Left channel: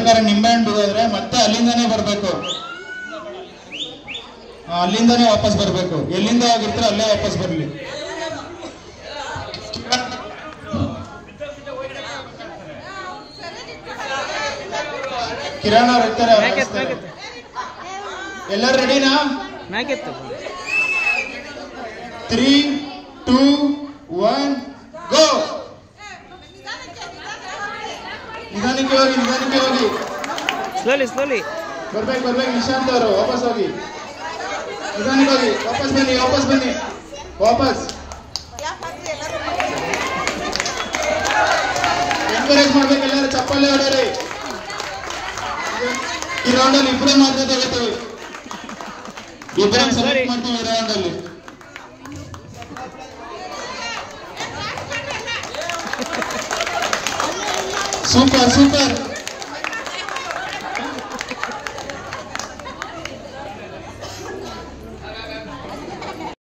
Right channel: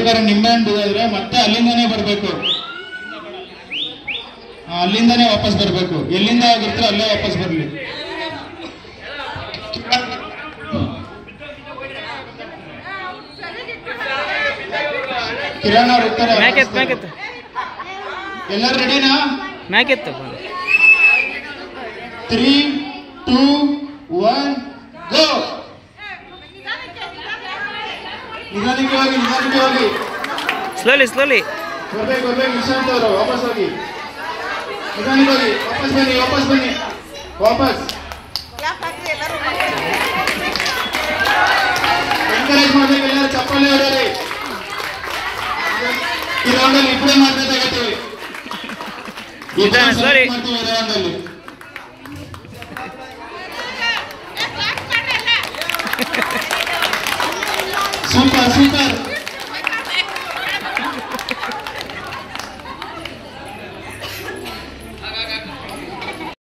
ಬೇಕಾದ್ರೆ ನಿಂಬೆಹಣ್ಣು ಹೋದ್ರೆ ಮತ್ತೆ ಅಲ್ಲಿಂದಾನೇ ಬರ್ಬೇಕು, ಅಲ್ಲಿಂದಾನೇ ವಾಪಸ್ ಬರ್ಬೇಕು. ಎಲ್ಲಿಂದ ಆಗಿರ್ತಾರೆ ಅಲ್ಲೇ ವಾಪಸ್ ಬರ್ಲಿ. ಕಿರಣ್ ಅವ್ರು ಇರ್ತಾರೆ. ಎಲ್ಲರೂ ರೆಡಿನಾ? 3, 2, 1 ಗೋ. ನಿಧಾನಕ್ಕೆ ಹೋಗಿ. ಸ್ಲೋಲಿ ಬರ್ಬೇಕು ನಿಶಾಂತ್ ಅವರು. ವಾಪಸ್ ಹೋಗಿ, ನಿಧಾನಕ್ಕೆ ಹೋಗಿ. ವಾಪಸ್ ಬನ್ನಿ. ಎನ್ಕರೇಜ್ ಮಾಡ್ಬೇಕು ಎಲ್ಲರೂ. ಚಪ್ಪಾಳೆ ಹೊಡೆಯಲಿ. ಈ ರೌಂಡಲ್ಲಿ ಇಬ್ಬರೇ ಮಾಡ್ಬೇಕಾಗತ್ತೀವಿ. ಮಾಡ್ತೀವಿ ಈ ರೌಂಡಲ್ಲಿ. ಸೂಪರ್